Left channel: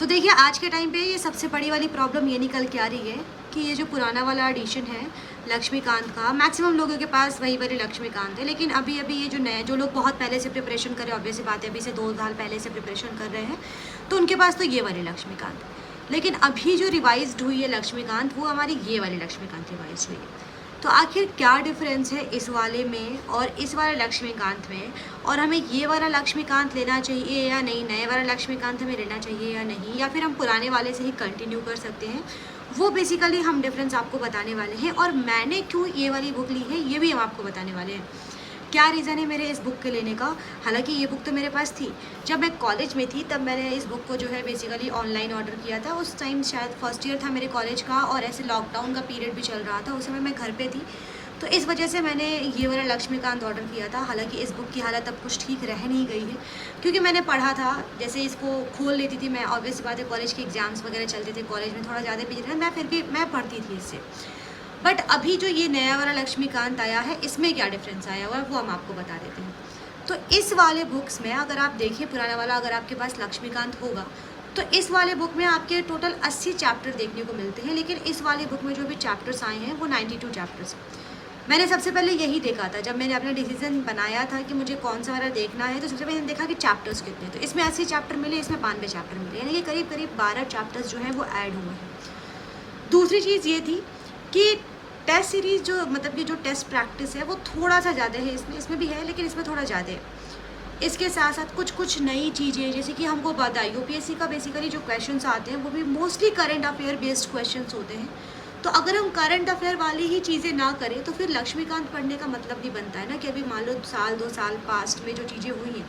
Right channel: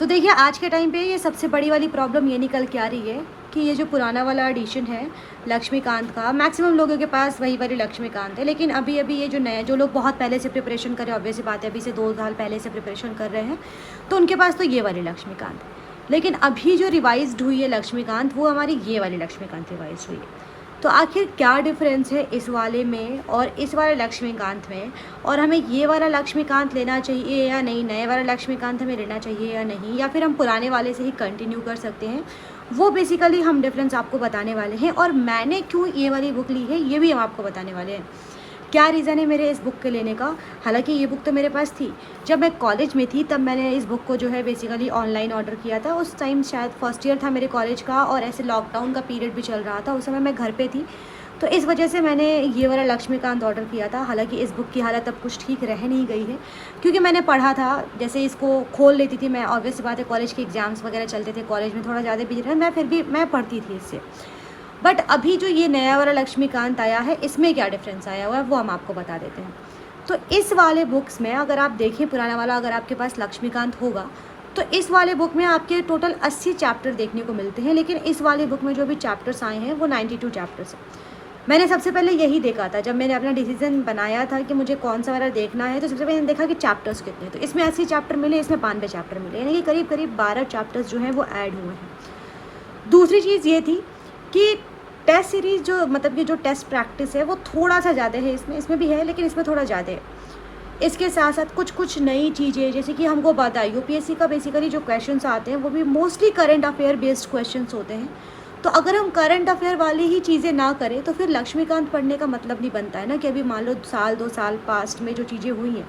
तो देखिए आज के टाइम पे ये सबसे बड़ी वाली प्रॉब्लम ये निकल के आ रही है कि ये जो पुराना वाला एडिशन है लक्ष्मीकांत का, मैक्सिमम लोगों के पास वही वाली लक्ष्मीकांत है। लेकिन अभी अभी ये जो नए जो लोग बहुत पहले से प्रिपरेशन कर रहे हैं, ऑब्वियस बात है अभी से 2 साल पहले से प्रिपरेशन कर रहे हैं, तो उनके पास तो ये वाली लक्ष्मीकांत है। लेकिन अभी जो रिवाइज्ड हुई है लक्ष्मीकांत, वो हमारी ये वाली लक्ष्मीकांत रिवाइज हुई है। तो आखिर क्या डिफरेंस है इस वाले में और इस वाले लक्ष्मीकांत में, और हमें ये वाला लक्ष्मीकांत लेना चाहिए या नहीं, नए वाला लक्ष्मीकांत हमें लेना चाहिए या नहीं, या फिर हम पुराने वाले से ही कंटिन्यू कर सकते हैं, वो बेसिकली हम डिफरेंस आपको बताने वाले हैं। और मैंने क्यों ये वाली बुक ली है ये भी हम आपको बताने वाले हैं। क्या रीज़न है मेरे इस बुक के लेने का। हालांकि ये बुक तो मेरे पास थी जब मैं कॉलेज में थी, तब मैंने इस बुक को जो है बेसिकली ऑनलाइन ऑर्डर किया था। उस टाइम शायद फर्स्ट ईयर था मेरे कॉलेज का और ऐसे लॉकडाउन का पीरियड भी चल रहा था, उस समय मैं घर पे थी, तो इस वजह से मैंने ये वाला लक्ष्मीकांत ऑर्डर किया था। हालांकि इस बुक की हालत अब कुछ ठीक रह नहीं गई है, क्योंकि मैंने पढ़ा था, जैसे इसको खोल लेती थी मैं, ऑब्वियस बात है कॉलेज के एग्ज़ाम्स वगैरह चलते थे, कॉलेज में थोड़ा ज़्यादा बिजी था मैं, फिर भी मैं पढ़ती थी इससे। बट अभी जो ये नया वाला लक्ष्मीकांत आया है, इसमें क्या डिफरेंस आया हुआ है वो हम आपको बता देते हैं। तो इस वाले बुक्स में अगर आप देखें, पुराना वाला अगर आपके पास लक्ष्मीकांत होगा, तो इस वाले बुक में आपके टोटल 80 चैप्टर देखने को मिलते हैं। लेकिन इस वाले बुक में जो भी चैप्टर्स आए हैं वो 92 चैप्टर्स हैं। मैंने सबसे पहले यही देखा था जब मैंने अपना डिसीजन बनाया था कि मुझे कौन सा वाला देखना है, तो सबसे पहले देखा कि चैप्टर्स कितने, तो इसमें 80 चैप्टर मिले, इसमें 92 चैप्टर मिले, यानी कि करीब करीब 12 चैप्टर्स जो हैं वो ऐड हुए हैं। दूसरी चीज़ ये थी कि टेस्ट सीरीज़ जो मतलब कि जो टेस्ट प्रैक्टिस है वो थोड़ा सा ज़्यादा है, इसमें भी है लेकिन इसमें थोड़ा ज़्यादा है। इसके साथ साथ कुछ नई चीज़ें, जैसे कि हमको पता है यूपीएससी का बेसिकली जो क्वेश्चंस आते हैं वो भी mostly current affair based questions होते हैं। तो अगर हम करंट अफेयर वाली ही चीज़ें ना करें तो फिर लक्ष्मीकांत पढ़ने का मतलब नहीं बनता है ना, कि अभी मान लो साल 2 साल पास्ट में जो चीज़ें हुई हैं,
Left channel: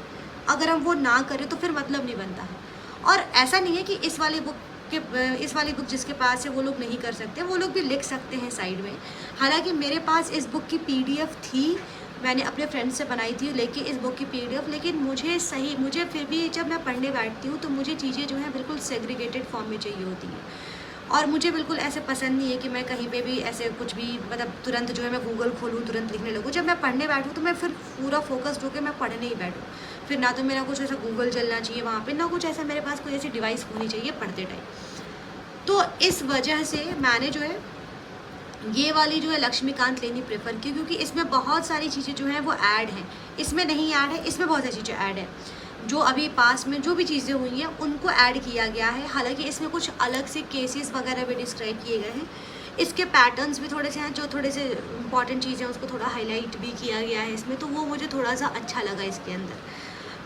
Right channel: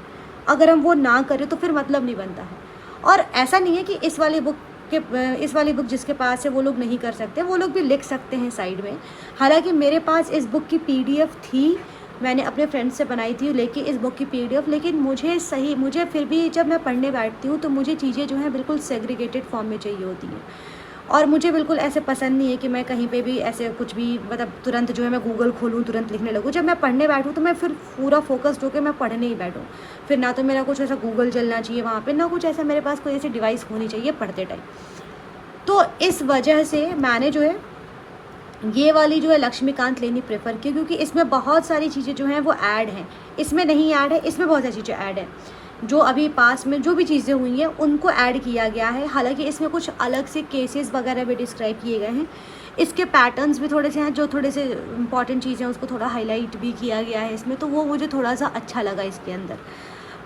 अगर हम वो ना करें तो फिर मतलब नहीं बनता है। और ऐसा नहीं है कि इस वाली बुक जिसके पास है वो लोग नहीं कर सकते, वो लोग भी लिख सकते हैं साइड में। हालांकि मेरे पास इस बुक की पीडीएफ थी, मैंने अपने फ्रेंड से बनाई थी लेके इस बुक की पीडीएफ, लेकिन मुझे फिर भी जब मैं पढ़ने बैठती हूँ तो मुझे चीज़ें जो हैं बिल्कुल सेग्रीगेटेड फॉर्म में चाहिए होती हैं। और मुझे बिल्कुल ऐसे पसंद नहीं है कि मैं कहीं पे भी ऐसे कुछ भी मतलब तुरंत जो है मैं गूगल खोलूँ, तुरंत लिखने लगूँ। जब मैं पढ़ने बैठूँ तो मैं फिर पूरा फोकस्ड होकर मैं पढ़ने ही बैठूँ, फिर ना तो मेरा कुछ ऐसा गूगल चलना चाहिए वहाँ पे, ना कुछ ऐसा मेरे पास कोई ऐसी डिवाइस होनी चाहिए पढ़ते टाइम। तो इस वजह से मैंने जो है ये वाली जो है लक्ष्मीकांत लेनी प्रेफर की, क्योंकि इसमें बहुत सारी चीज़ें जो हैं वो ऐड हैं, इसमें नहीं ऐड है, इसमें बहुत सारी चीज़ें ऐड हैं। जो अभी पास में जो भी चीज़ें हुई हैं उनको ऐड किया गया है। हालांकि इसमें कुछ अलग से केसेस वगैरह भी डिस्क्राइब किए गए हैं, इसके पैटर्न्स भी थोड़े से हैं, जो थोड़े से इंपॉर्टेंट चीज़ें हैं उसको थोड़ा हाईलाइट भी किया गया है इसमें, तो वो मुझे थोड़ा सा अच्छा लगा इसके अंदर।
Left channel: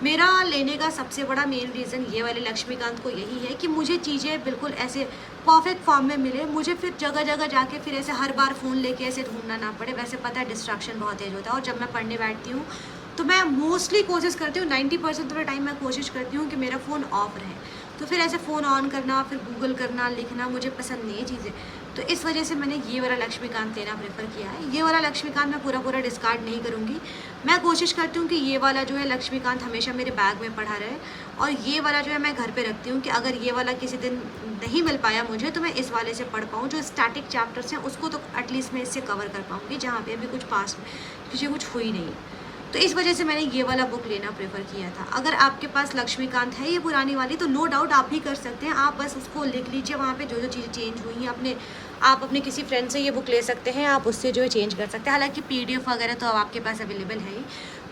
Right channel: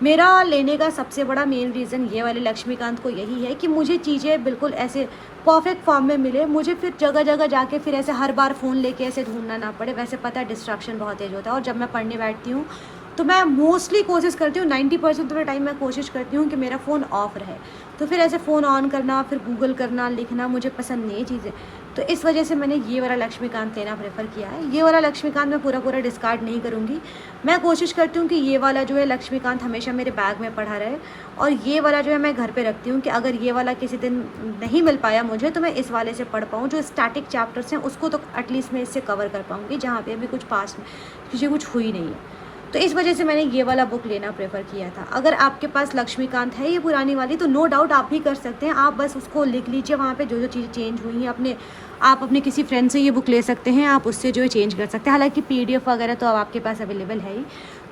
मेरा लेने का सबसे बड़ा मेन रीज़न ये वाले लक्ष्मीकांत को यही है कि मुझे चीज़ें बिल्कुल ऐसे परफेक्ट फॉर्म में मिले, मुझे फिर जगह जगह जाके फिर ऐसे हर बार फ़ोन लेके ऐसे ढूंढना ना पड़े। वैसे पता है डिस्ट्रैक्शन बहुत तेज होता है, और जब मैं पढ़ने बैठती हूँ तो मैं मोस्टली कोशिश करती हूँ, 90% ऑफ द टाइम मैं कोशिश करती हूँ कि मेरा फ़ोन ऑफ रहे। तो फिर ऐसे फ़ोन ऑन करना, फिर गूगल करना, लिखना मुझे पसंद नहीं है चीज़ें। तो इस वजह से मैंने ये वाला लक्ष्मीकांत लेना प्रेफर किया है। ये वाला लक्ष्मीकांत मैं पूरा डिस्कार्ड नहीं करूँगी, मैं कोशिश करती हूँ कि ये वाला जो है लक्ष्मीकांत हमेशा मेरे बैग में पड़ा रहे, और ये वाला जो है मैं घर पे रखती हूँ कि अगर ये वाला किसी दिन नहीं मिल पाया मुझे तो मैं इस वाले से पढ़ पाऊँ। जो स्टैटिक चैप्टर्स हैं उसको तो एटलीस्ट मैं इससे कवर कर पाऊँगी, जहाँ पे अभी कुछ पास में चीज़ें कुछ हुई नहीं है। तो इस वजह से मैंने ये वाला बुक लेना प्रेफर किया था। अगर आपके पास लक्ष्मीकांत है ये पुरानी वाली, तो नो डाउट आप भी कर सकते हैं, आप बस उसको लिख लीजिए, वहाँ पे जो जो चीज़ें चेंज हुई हैं आप अपने किसी फ्रेंड से ये बुक ले सकते हैं, आप उससे जो है चेंज कर सकते हैं। हालांकि पीडीएफ वगैरह तो अब आपके पास अवेलेबल है ही,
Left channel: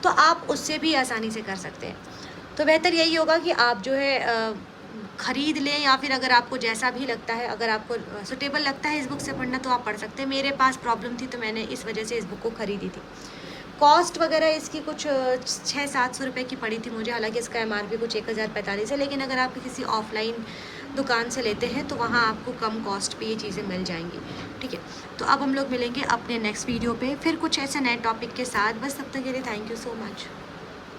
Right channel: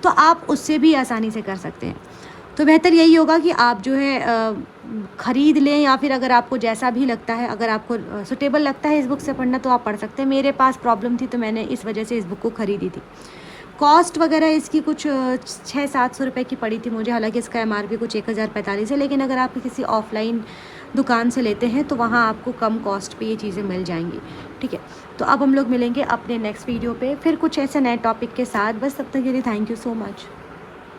तो आप उससे भी आसानी से कर सकते हैं। तो बेहतर यही होगा कि आप जो है ख़रीद लें, या फिर अगर आपको जैसा भी लगता है, अगर आपको सुटेबल लगता है इस बुक से पढ़ना तो आप पढ़ सकते हैं। मेरे पास प्रॉब्लम थी तो मैंने इस वजह से इस बुक को ख़रीदी थी। कॉस्ट वगैरह इसकी कुछ 600-700 रुपये की पड़ी थी मुझे। हालांकि इसका एमआरपी कुछ 1045 है, लेकिन अगर आप किसी ऑफलाइन दुकान से लेते हैं तो वहाँ आपको कम कॉस्ट पे ये चीज़ें मिल जाएंगी। ठीक है, तो अब हम लोग मिलेंगे अपने नेक्स्ट वीडियो पे फिर कुछ ऐसे नए टॉपिक के साथ। बस तब तक के लिए थैंक यू सो मच।